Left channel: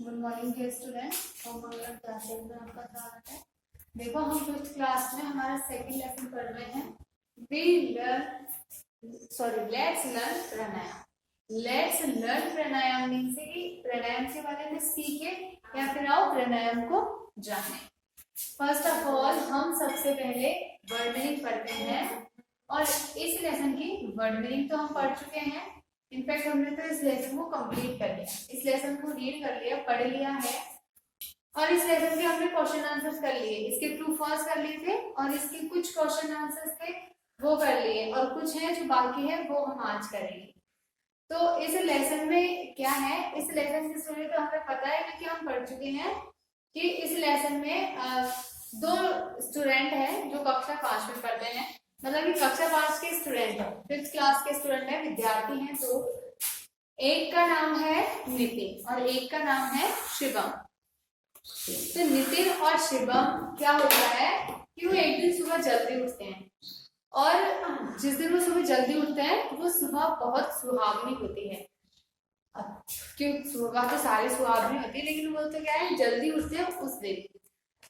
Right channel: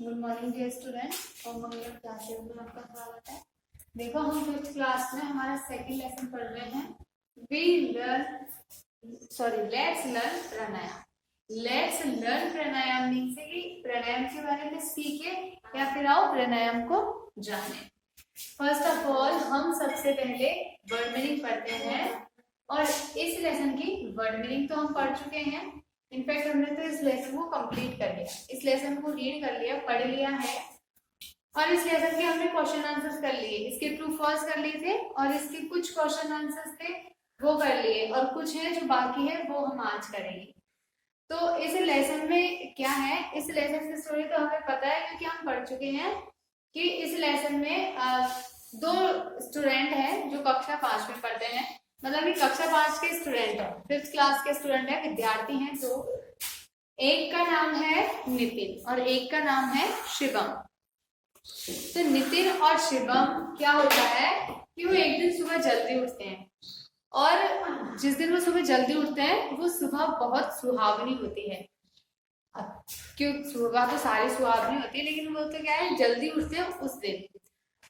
Good morning dear student और मंगलम classes में आपका स्वागत है। देखो हम फिफ्थ क्लास में हमारा सेकंड लेसन पढ़ रहे हैं। Let's learn pranayama. Let's learn pranayama mean से कि प्राणायाम के बारे में सीखे या फिर आओ प्राणायाम को जाने। फर्स्ट ऑफ ऑल हम सबसे पहले वर्ड मीनिंग पढ़ते हैं और इस लेसन की वर्ड मीनिंग तो हम पढ़ चुके हैं। इनफैक्ट हमने तो इस लेसन को कंप्लीट कर लिया, इस लेसन को रीड कर लिया, पढ़ लिया है और इस लेसन के हमने क्वेश्चन आंसर्स कर लिए। इसके ट्रू फॉल्स कर लिए थे और इसके कुछ क्वेश्चन आंसर्स थे वो कर लिए और कुछ है जो बाकी है वो हम आज करेंगे। तो इस लेसन में क्या है, इस लेसन की स्टोरी तो हमें पता है क्योंकि हम पढ़ चुके हैं कि इस लेसन में दो स्टूडेंट हैं जो कक्षा 5 में पढ़ते हैं, मतलब कि कक्षा 5 के स्टूडेंट है, फिफ्थ क्लास के स्टूडेंट है, विद्यार्थी हैं। तो एक का नाम है नितिन और एक का नाम है शिवम। तो नितिन और शिवम क्या होता है कि वो एक दिन सुबह जल्दी उठते हैं और जिस दिन वो सुबह जल्दी उठते हैं वो सुबह बहुत सुहावनी होती है। क्यों सुबह तो सारी सुहावनी होती है लेकिन वो तो क्या है जल्दी उठते हैं उस दिन।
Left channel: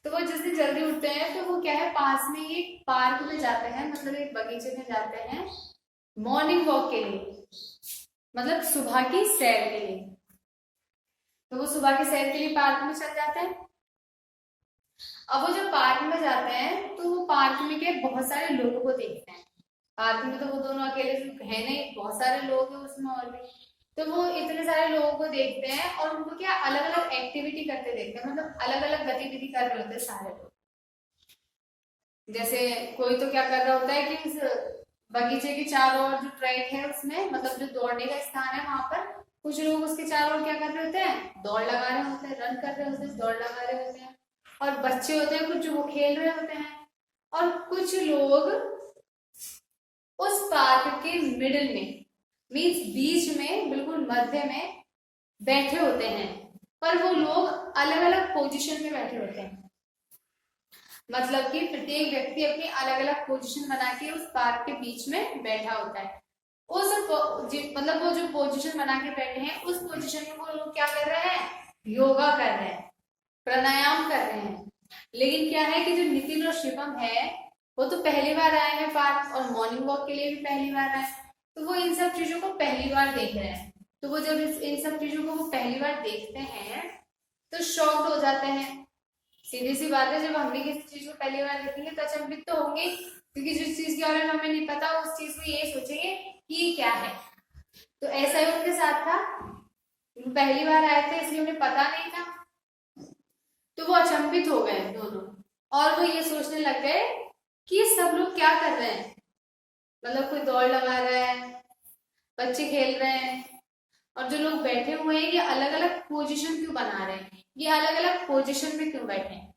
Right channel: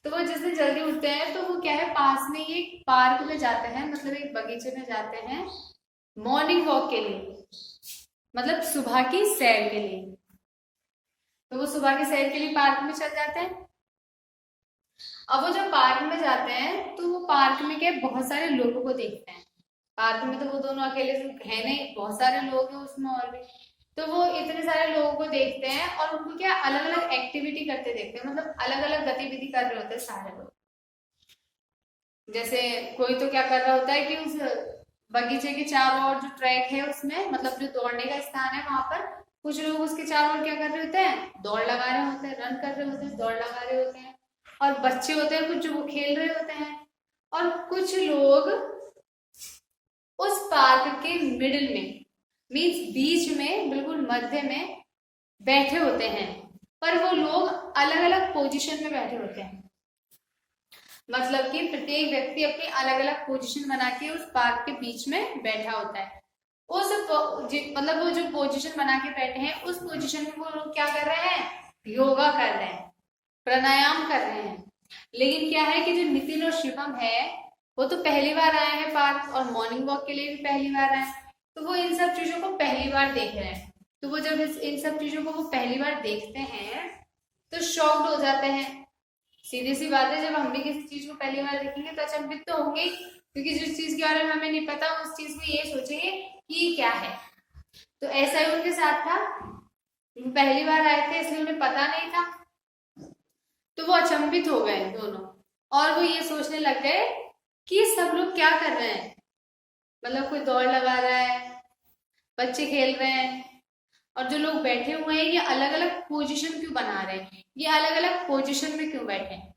तो वो जिस दिन जल्दी उठते हैं तो वो क्या है पास में ही एक पार्क में जाते हैं, मतलब एक बगीचे में जाते हैं मॉर्निंग वॉक के लिए, मतलब सुबह की सैर के लिए। तो वो सुबह की सैर के लिए पार्क में चल जाते हैं। अब वो जब पार्क में जाते हैं तो वो पार्क में क्या बहुत सारे लोगों को देखते हैं। पार्क में तो वो दोनों अकेले है नहीं, बहुत सारे लोग हैं उसमें और भी। तो वो इतने सारे लोगों को देखते हैं और उनको क्या अलग अलग एक्टिविटी करते देखते हैं, मतलब अलग अलग गतिविधि कर रहे होते हैं सारे लोग। जैसे कोई तो क्या कर रहा होता है कि उस बगीचे के चारों ओर जो ट्रैक है उसमें, मतलब जो दौड़ने का स्थान है वहां पर कुछ लोग उसके चारों ओर क्या कर रहे होते हैं, दौड़ लगा रहे होते हैं, रन कर रहे होते हैं, दौड़ लगा रहे होते हैं। और बच्चे होते हैं कुछ जो वो खेल रहे होते हैं और कुछ लोग उस पार्क के मिडिल में मीन्स बीच में बिल्कुल मध्य में बैठे होते हैं, पर वो लोग अलग अलग पोजीशन में बैठे होते हैं। मतलब कि प्रत्येक व्यक्ति अपनी अलग अलग पोजीशन बना के उस पार्क के बीच में बैठा होता है। उस मतलब वो जो पोजीशन बना के बैठे हैं उस पोजीशन में वो लोग क्या कर रहे हैं, योगा कर रहे हैं, प्राणायाम कर रहे हैं। लेकिन क्या है कि जो नितिन और शिवम है वो तो पहली बार आए हैं पार्क और मॉर्निंग वॉक के लिए भी पहली बार आए, तो वो इन सब चीजों को पहली बार देख रहे हैं। तो वो जब इन सब चीजों को वो पहली बार देखते हैं तो शॉक्ड हो जाते हैं। सीधी सी बात है, जब हम भी किसी चीज को पहली बार देखेंगे तो अचंभित तो होंगे, क्योंकि जिस चीज के बारे में हमें नहीं पता उस चीज को ये सोचेंगे कि ये क्या है। तो ऐसा ही उनके साथ था, पहली बार आए थे इसलिए उन्हें पता नहीं था, तो वो अचंभित हो गए दोनों और वो ये सोचने लग गए कि सब लोग क्या कर रहे हैं, मतलब कोई दौड़ लगा रहा है, बच्चे खेल रहे हैं और जो लोग बैठे हुए हैं ये अलग अलग पोजीशन क्यों बना रहे हैं, ये अलग अलग पोजीशन में क्यों बैठे हैं।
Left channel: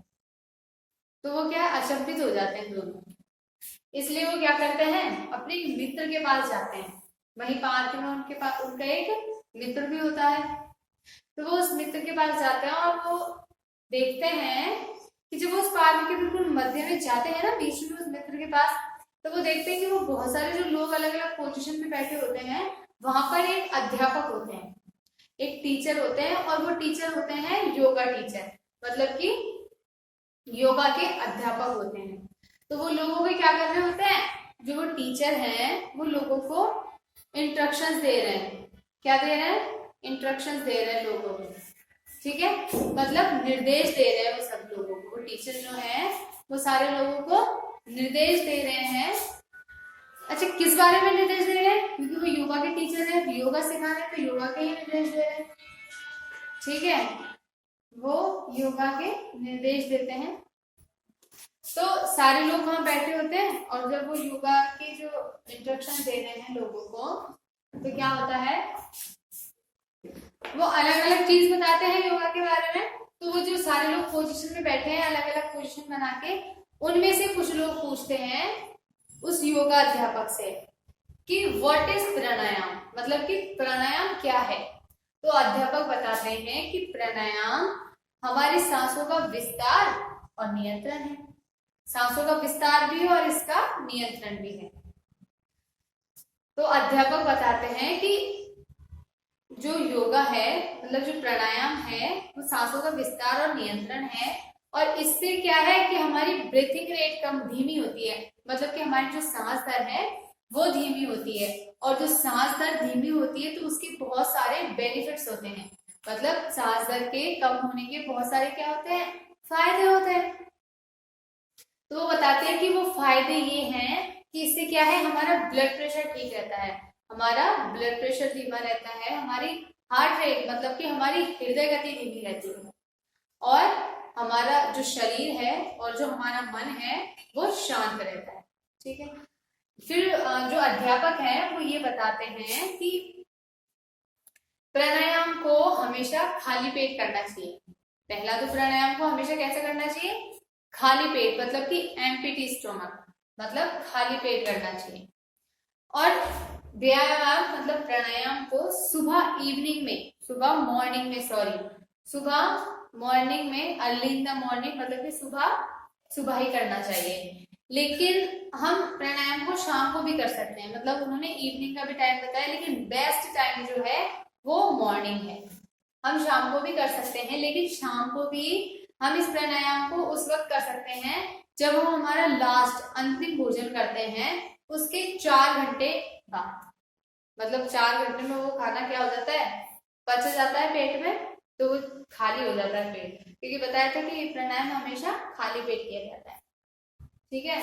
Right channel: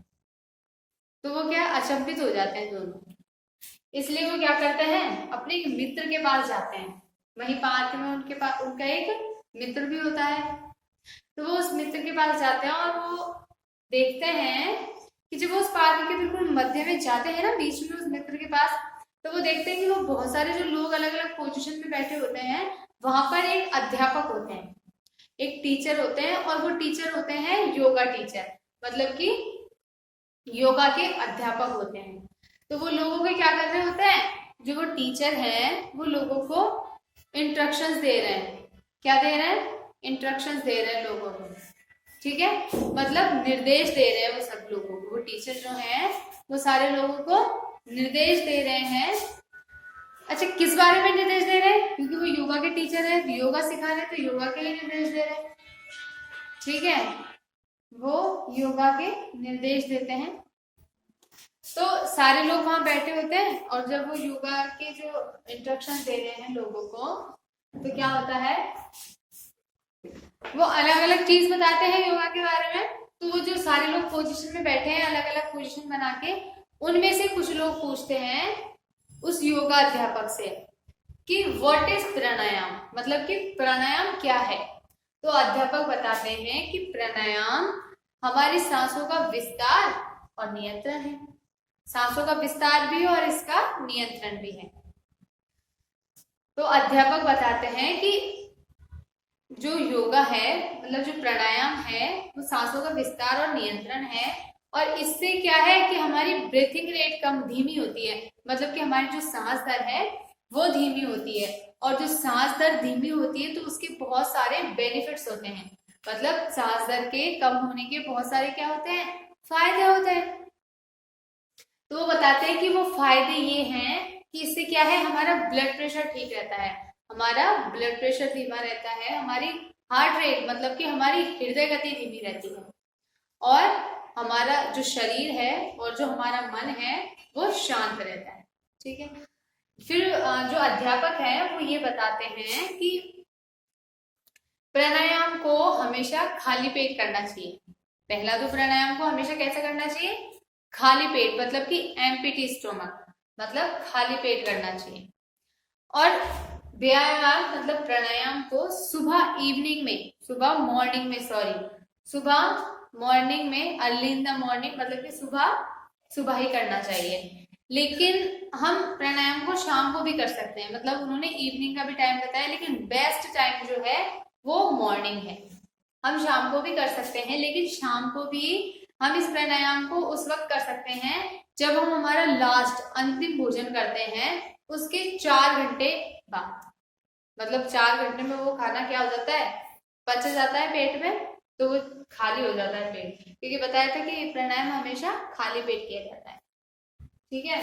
तो वो क्या अचंभित हो जाते हैं दोनों, इसलिए वो क्या करते हैं अपने मित्र के पास जाते हैं। वहीं पार्क में उनके पास उनका एक मित्र भी होता है, तो वो उस मित्र के पास जाते हैं और वो देखते हैं कि जब वो उस पार्क के बिल्कुल मध्य में जाते हैं ना बीच में उस मित्र के पास, तो वो देखते हैं कि वो बहुत सारे जो लोग अलग अलग पोजीशन में बैठे होते हैं वहां पर एक अध्यापक होते हैं, एक टीचर होते हैं और वो टीचर होते हैं योगा टीचर, मतलब कि योगा के अध्यापक होते हैं। तो वो लोगों के क्या कर रहे होते हैं, जो वो टीचर हैं वो लोगों को इंस्ट्रक्शंस दे रहे हैं। क्या दे रहे हैं, इंस्ट्रक्शंस दे रहे हैं लोगों को, ठीक है, मतलब निर्देश दे रहे हैं वो सब लोगों को। वो टीचर जो है वो सारे लोगों को निर्देश दे रहे हैं। अच्छा किस बारे में निर्देश दे रहे हैं, क्योंकि वो योगा के टीचर है, योगा सिखा रहे हैं तो योगा के लिए निर्देश दे रहे हैं, ठीक है, वो योगा के निर्देश देते हैं। तो सारे लोग वहां बैठे होते हैं और जब वो योगा के जो इंस्ट्रक्शन दे रहे हैं लोगों को तो क्या होता है, वो अलग अलग चीज बताते हैं योगा के बारे में। तो वो जो सारे लोग पोजीशन में बैठे हैं अलग अलग पोजीशन बना के, उनमें से कुछ लोग पूछते हैं उस योगा अध्यापक से कि व्हाट इज प्राणायाम, मतलब कि प्राणायाम क्या है। तो अध्यापक बताते हैं कि प्राणायाम हमारी सांसों का विस्तार और नियंत्रण है, सांसों का विस्तार भी और इसका नियंत्रण भी है। तो अध्यापक बताते हैं कि जो योगा है मतलब जो प्राणायाम है वो सांसों का विस्तार और नियंत्रण है, और इससे क्या है कि हमारी ब्रीथिंग रेट कम धीमी होती है, मतलब कि हमारी जो सांस दर है वो धीमी होती है, और जो सांस दर धीमी होती है तो उसके बहुत सारे बेनिफिट्स होते हैं, मतलब सांस दर के कम होने के बहुत सारे क्या होते हैं, फायदे होते हैं। तो वो बताते हैं कि वो फायदे ये हैं कि इससे क्या है, हमारा ब्लड प्रेशर ठीक रहता है, हमारा ब्लड प्रेशर धीमा रहता है, हमारी हार्ट रेट मतलब कि हमारी हृदय गति धीमी रहती है, और हमारा जो शरीर है और जो हमारा मन है वो शांत रहता है। ठीक है, फिर जो अध्यापक है वो ये बताते हैं कि प्राणायाम को हमेशा खाली पेट करना चाहिए। पहला तो प्राणायाम को हमेशा कैसे करना चाहिए, खाली पेट, मतलब कि एम्प्टी स्टोमक, मतलब खाली पेट करना चाहिए। और व्यायाम मतलब प्राणायाम को सुबह इवनिंग में, सुबह मॉर्निंग में, सॉरी सुबह मॉर्निंग में, अर्ली इन द मॉर्निंग, मतलब कि सुबह सुबह ही करना चाहिए। लेकिन हम प्राणायाम को शाम को भी कर सकते हैं, मतलब उन्होंने इवनिंग का भी टाइम बताया, लेकिन बेस्ट टाइम जो है वो मॉर्निंग है। हम शाम को भी कर सकते हैं, लेकिन शाम को भी हम इस प्राणायाम को उस वक्त कर सकते हैं जब हम हमारा लास्ट अंतिम भोजन करते हैं उसके 4 घंटे बाद, मतलब 4 घंटे में वो खाना क्या हो जाता है, पच जाता है पेट में, तो वो खाली हो जाता है पेट, क्योंकि बताया था कि प्राणायाम हमेशा खाली पेट किया जाता है। ठीक है,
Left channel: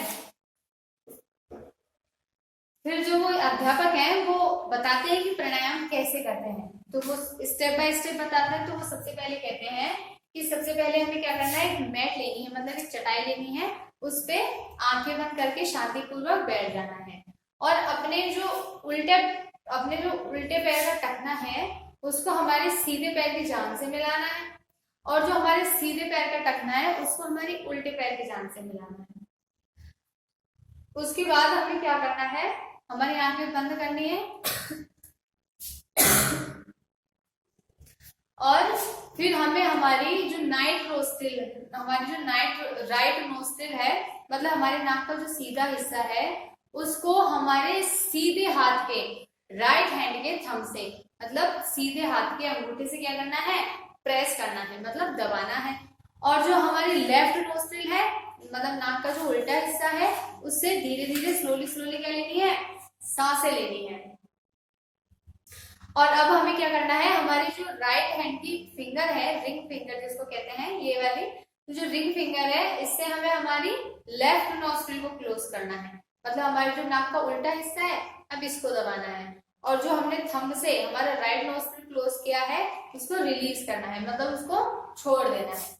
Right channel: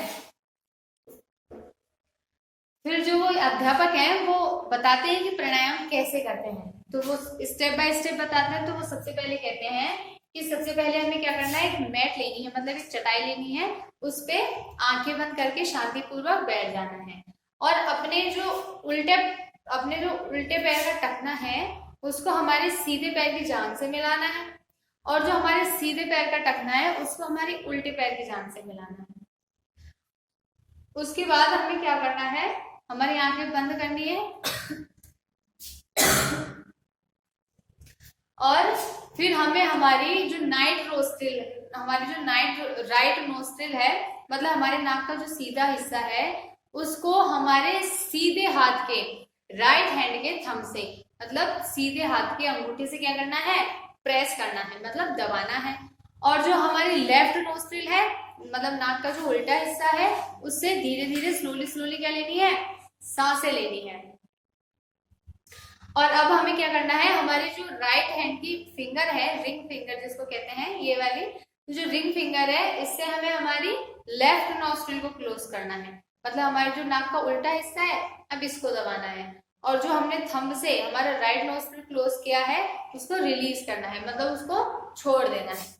फिर जो वो अध्यापक हैं वो बताते हैं कि प्राणायाम कैसे करते हैं, तो वो स्टेप बाय स्टेप बताते हैं। तो वो सबसे पहले कहते हैं कि सबसे पहले हमें क्या करना है, एक मैट लेनी है, मतलब एक चटाई लेनी है, उस पे आंखें बंद करके शांतिपूर्वक बैठ जाना है, और अपने जो उल्टे पैर का टखना है उसको हमारे सीधे पैर की जांघ से मिलाना है, और जो हमारे सीधे पैर का टखना है उसको हमारी उल्टे पैर की जांघ से मिलाना है। उसके बाद हमें क्या करना है, हमारी आंखें बंद करनी है, और फिर हमें हमारी जो नाइट नोस्ट्रिल, हमारी जो राइट नोस्ट्रिल है, मतलब हमारे नाक का जो सीधा हिस्सा है उसको हमारे सीधे हाथ के, राइट हैंड के थंब से, मतलब सीधे हाथ की अंगूठे से क्या करना है, प्रेस करना है, मतलब दबाना है। और जो हमारी लेफ्ट नोस्ट्रिल है, मतलब नाक का जो उल्टा हिस्सा है, उससे धीरे धीरे स्लोली स्लोली क्या लेनी है, सांसें लेनी है। और अब हमें क्या करना है, हमारी जो राइट हैंड की फिंगर है, रिंग फिंगर जिसको कहते हैं, ये वाली जो रिंग फिंगर है, इससे हमें हमारी लेफ्ट नॉस्ट्रिल को क्लोज करना है, मतलब हमारे जो नाक का उल्टा हिस्सा है अब इसको दबाना है, और जो हमने थंब से हमारा राइट नॉस्ट्रिल क्लोज किया है उसको रिलीज करना है, मतलब उसको छोड़ देना है।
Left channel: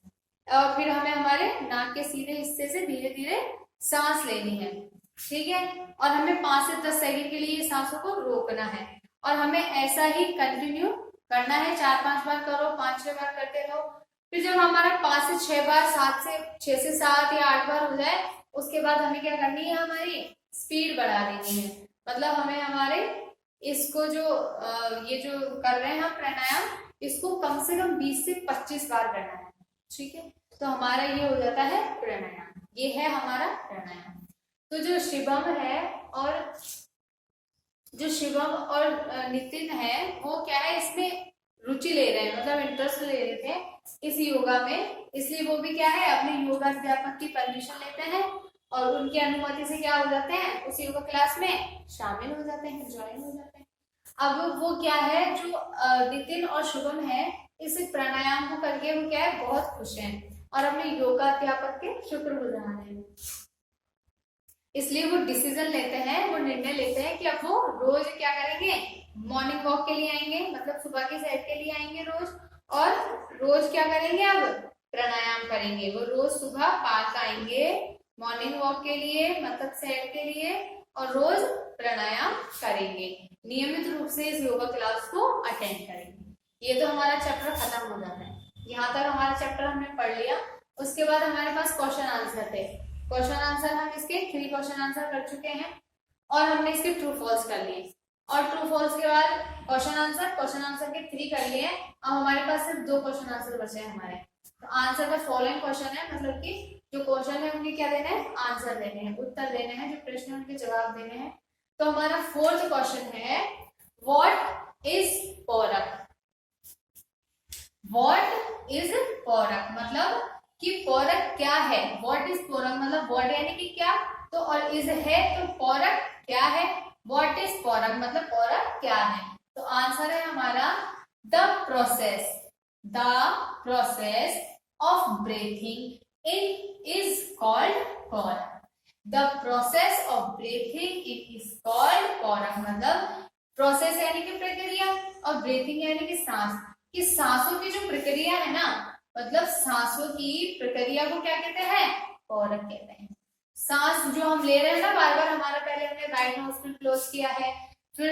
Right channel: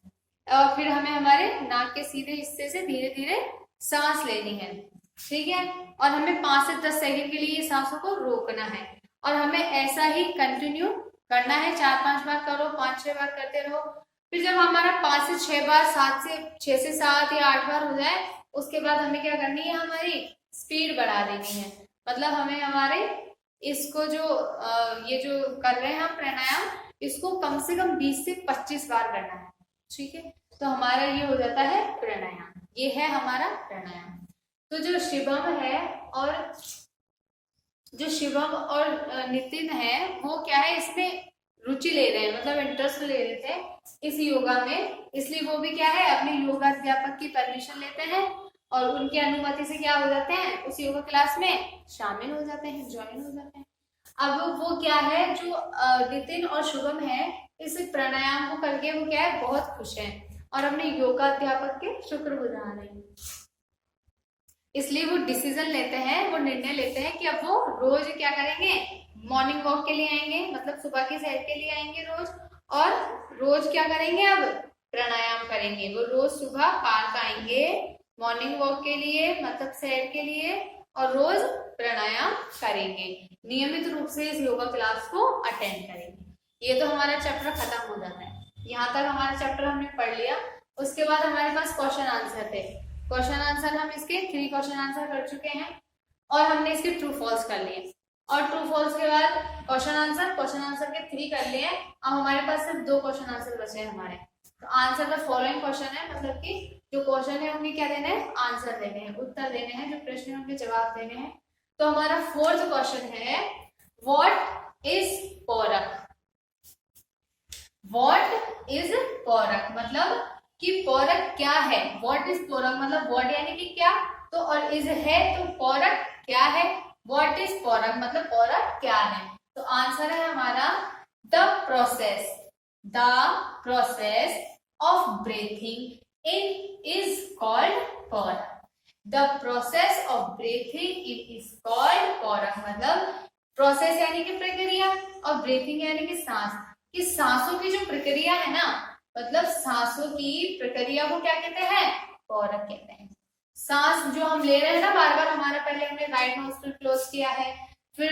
और फिर हमें हमारे नाक के सीधे हिस्से से धीरे धीरे सांस लेनी है। ठीक है, और हमें 5 से 10 सेकंड के लिए ये सांसों को रोकना है, और हमें ऐसा ही कंटिन्यू करना है, 4-5 बार करो, 5-6 बार करते रहो। फिर जब हमारा 5 से 6 बार, 6 से 7 या 8 बार हो जाए, उसके बाद हमें क्या करनी है, हमारी स्पीड बढ़ा देनी है, मतलब हमें हमारे इसको जो ये जो कर रहे हैं हम प्राणायाम, इसको कम से कम 20 से 25 बार करना है। ठीक है, तो हमारा ये हो जाता है प्राणायाम, ये है हमारा प्राणायाम। तो जो शिवम है और नितिन है वो क्या है, इसमें रुचि ले रहे हैं, मतलब इंटरेस्ट ले रहे थे इस योगा में, इसलिए वो भी क्या है, अपने योगा अध्यापक की परमिशन लेते हैं और उनकी अनुमति से क्या हो जाते हैं, उस योगा क्लास में शामिल हो जाते हैं, ज्वाइन हो जाते हैं। अब वो क्या है, जो नितिन और शुभम है, इस प्राणायाम को करके वो क्या है, बहुत खुश हैं और अपने योगा अध्यापक के शुक्रगुजार हैं। इसलिए वो डिसीजन लेते हैं, वो निर्णय लेते हैं कि अब वो रोज क्या करेंगे, मॉर्निंग वॉक के लिए आएंगे, मतलब सुबह की सैर के लिए आएंगे रोज, और रोज क्या करेंगे, अब प्राणायाम करेंगे। वो रोज सुबह पार्क आएंगे मॉर्निंग वॉक के लिए, मतलब सैर के लिए, और रोज प्राणायाम करेंगे, नियमित रूप से इस योगा क्लास को अटेंड करेंगे। ये तो हमारा चैप्टर खत्म हो जाता है, यहाँ तक हमारा चैप्टर हमने पढ़ लिया। उसके बाद हमारे पास क्वेश्चन आंसर थे, क्वेश्चन आंसर हम इसके 3 क्वेश्चन आंसर कर चुके हैं, और हमने इसके ट्रू फॉल्स कर लिए, और ट्रू फॉल्स के बाद क्वेश्चन आंसर के 3 कर लिए। अब हमारे पास सिर्फ 2 क्वेश्चन आंसर बचे हैं हमारे। तो आंसर द फॉलोइंग क्वेश्चन है, मतलब कि जो क्वेश्चन है उनके क्या देने हैं, आंसर देने हैं, उत्तर देने हैं, जो प्रश्न है उनके जवाब देने हैं। तो हमारा 4th क्वेश्चन है, what is Porak? What is पोरक मतलब कि पोरक क्या है। व्हाट इज पोरक मतलब व्हाट यानी कि क्या, तो और इज है तो पोरक क्या है। व्हाट इज पोरक मतलब पोरक क्या है। तो आंसर है हमारा the process of breathing in is called puraka. The process of breathing in is called puraka मतलब प्रोसेस यानी कि प्रक्रिया और ब्रीथिंग यानी कि सांस, कि सांसों की जो प्रक्रिया है ना, मतलब सांसों की प्रक्रिया को क्या कहते हैं, पोरक कहते हैं। सांस जो हम ले रहे हैं ना बार बार, हमारा पहले हमने राइट नोस्ट्रिल क्लोज किया है, फिर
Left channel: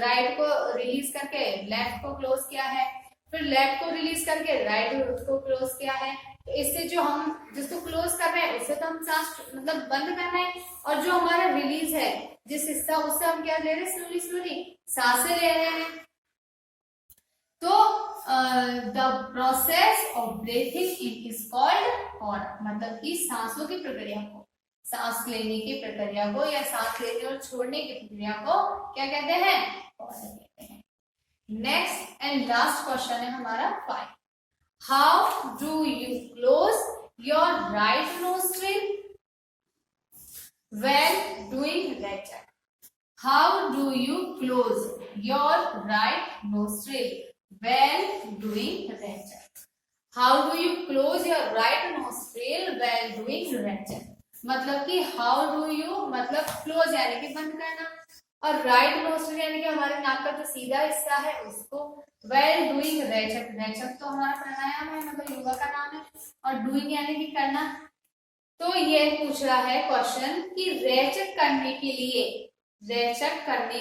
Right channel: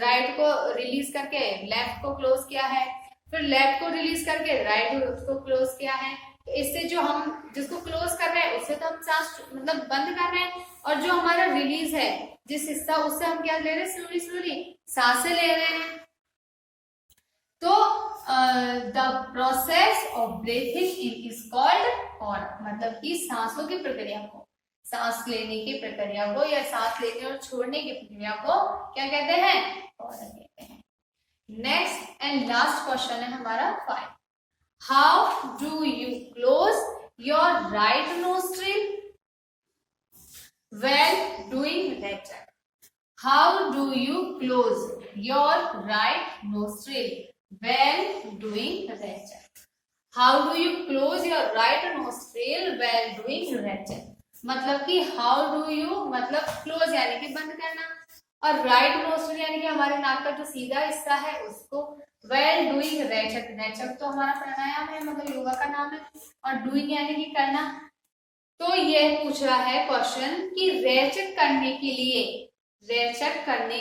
राइट को रिलीज करके लेफ्ट को क्लोज किया है, फिर लेफ्ट को रिलीज करके राइट को क्लोज किया है। तो इससे जो हम जिसको क्लोज कर रहे हैं उससे तो हम सांस मतलब बंद कर रहे हैं, और जो हमारा रिलीज है जिस हिस्सा, उससे हम क्या ले रहे हैं, स्लोली स्लोली सांसें ले रहे हैं। तो the process of breathing in is called puraka मतलब कि सांसों की प्रक्रिया को, सांस लेने की प्रक्रिया को या सांस लेने और छोड़ने की प्रक्रिया को क्या कहते हैं, पोरक कहते हैं। नेक्स्ट एंड लास्ट क्वेश्चन है हमारा 5। How do you close your right nostril when doing rechaka? How do you close your right nostril when doing rechaka? How do you close your right nostril while doing rechaka? मतलब कि how do you मतलब close यानी कि बंद करना, और right nostril यानी कि हमारे नाक का जो सीधा हिस्सा है उसको, while doing रेचक, रेचक तो हमारा प्राणायाम है मतलब योगा का नाम है, और doing यानी कि करना। तो ये पूछ रहा है क्वेश्चन कि रेचक करने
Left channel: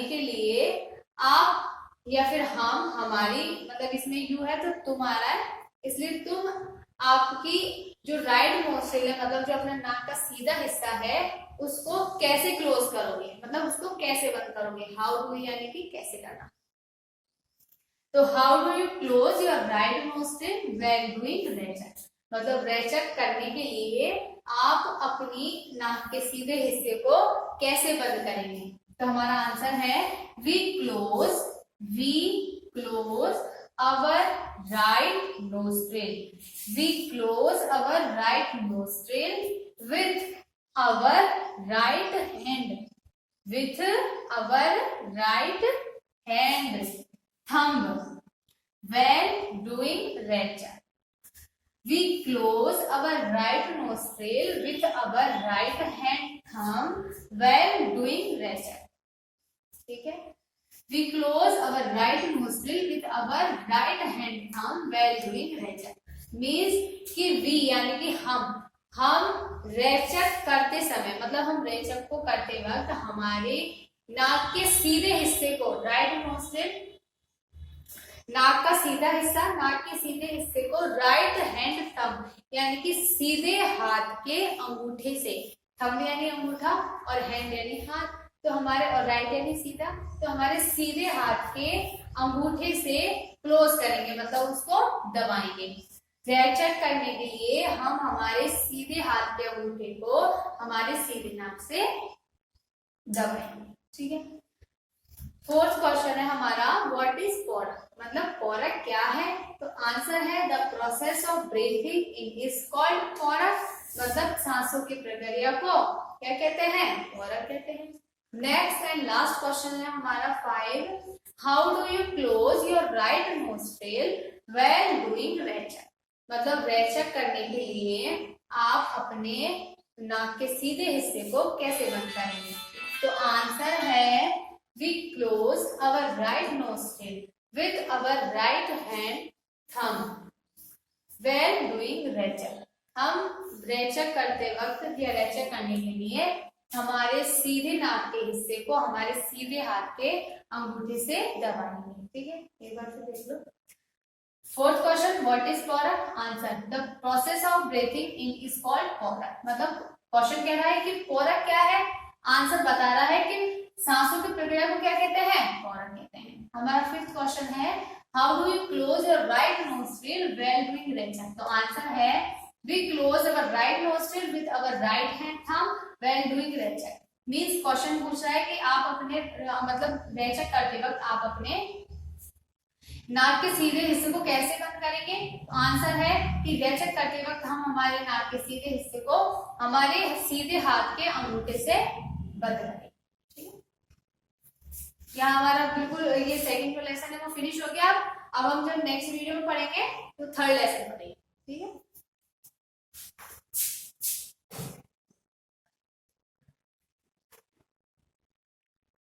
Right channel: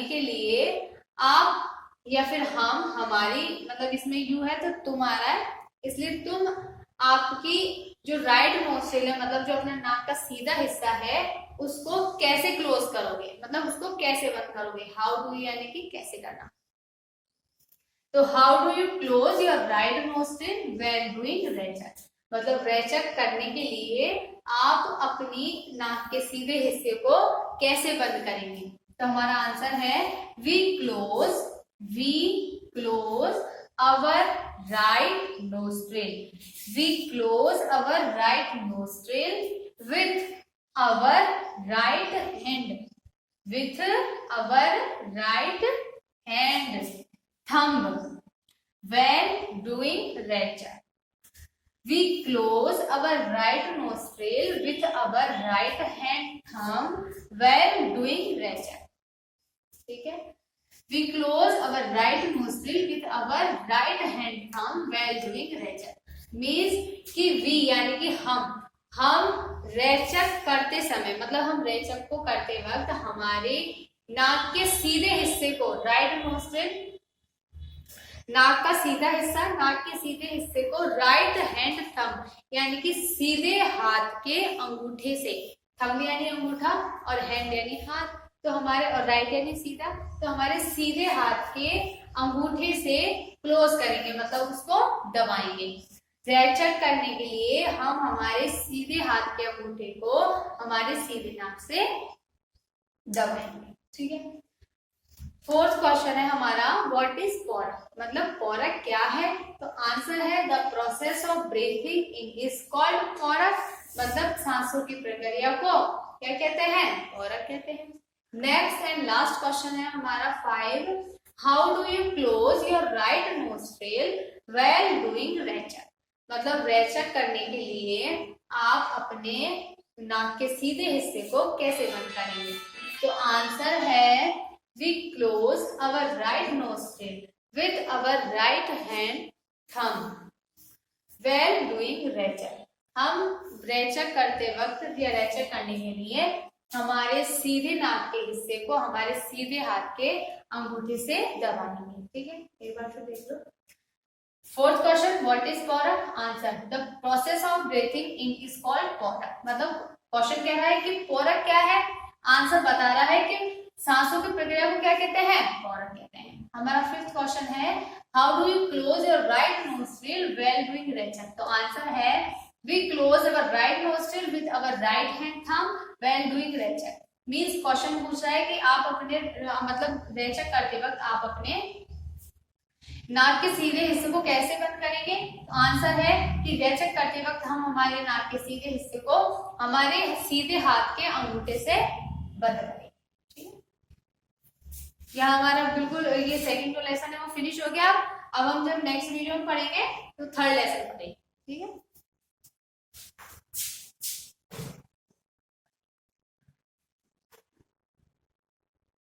के लिए आप या फिर हम, हमारी मतलब इसमें यू है तो तुम्हारा है, इसलिए तुम आपकी जो राइट नोस्ट्रिल है मतलब जो अपना नाक का सीधा हिस्सा है उसको कैसे क्लोज करोगे, मतलब उसको कैसे बंद करोगे। हाउ डू यानी कि कैसे करना। तो how do you close your right nostril when doing rechaka मतलब रेचक करने के लिए आप अपनी नाक के सीधे हिस्से को कैसे बंद करेंगे। तो हमारा आंसर है we close our right nostril. We close our right nostril with our right hand. With our right hand. Thumb. When doing रेचक. We close our right nostril with our right hand thumb when doing रेचक. ठीक है। We close our right nostril with our right hand thumb while doing rechaka. Means कि we यानी कि हम रेचक करते समय मतलब हम रेचक को करते वक्त हमारे नाक के सीधे हिस्से को, राइट नोस्ट्रिल नाक का सीधा हिस्सा, नाक के सीधे हिस्से को राइट हैंड थंब यानी कि सीधे हाथ के अंगूठे से, थंब यानी अंगूठा और हैंड यानी हाथ, तो हमारे और राइट यानी सीधा, तो हमारे सीधे हाथ के अंगूठे से क्लोज करेंगे मतलब उसको दबाएंगे। रेचक करने के लिए हम हमारे सीधे हाथ के अंगूठे को हमारे सीधे नाक से दबाएंगे। ठीक है। फोर्थ क्वेश्चन है हमारा व्हाट इज पोरक मतलब पोरक क्या है। तो आंसर है the process of breathing in is called puraka मतलब सांसों की प्रक्रिया को क्या कहते हैं, पोरक कहते हैं। नेक्स्ट एंड लास्ट क्वेश्चन है हमारा 5। How do you close your right nostril when doing rechaka मतलब रेचक करने के लिए आप अपने नाक के सीधे हिस्से को कैसे बंद करेंगे। तो आंसर है we close our right nostril with our right hand thumb when doing rechaka. हम रेचक करते वक्त या रेचक करने के लिए हमारे सीधे नाक के हिस्से को हमारे सीधे हाथ के अंगूठे से दबाएंगे। ठीक है, एक बार फिर देख लो। Fourth question what is puraka. Answer the process of breathing in is called puraka मतलब क्वेश्चन कह रहा है कि पोरक क्या है, आंसर बता रहा है कि सांसों की प्रक्रिया को क्या कहते हैं, पोरक कहते हैं। हमारा फिफ्थ क्वेश्चन है how do you close your right nostril when doing rechaka. तो आंसर है we close our right nostril with our right hand thumb when doing rechaka. Means question पूछ रहा है कि आप अपने मतलब रेचक करते वक्त आप अपने नाक के सीधे हिस्से को कैसे बंद करेंगे? तो आंसर है कि रेचक करते वक्त हम हमारे नाक के सीधे हिस्से को हमारे सीधे हाथ के अंगूठे से बंद करेंगे। ठीक है, यहाँ हमारा बिल्कुल ये सेकंड जो लेसन है वो फिनिश हो गया। अब हम जब नेक्स्ट वीडियो में पढ़ेंगे तो थर्ड लेसन पढ़ेंगे। ठीक है।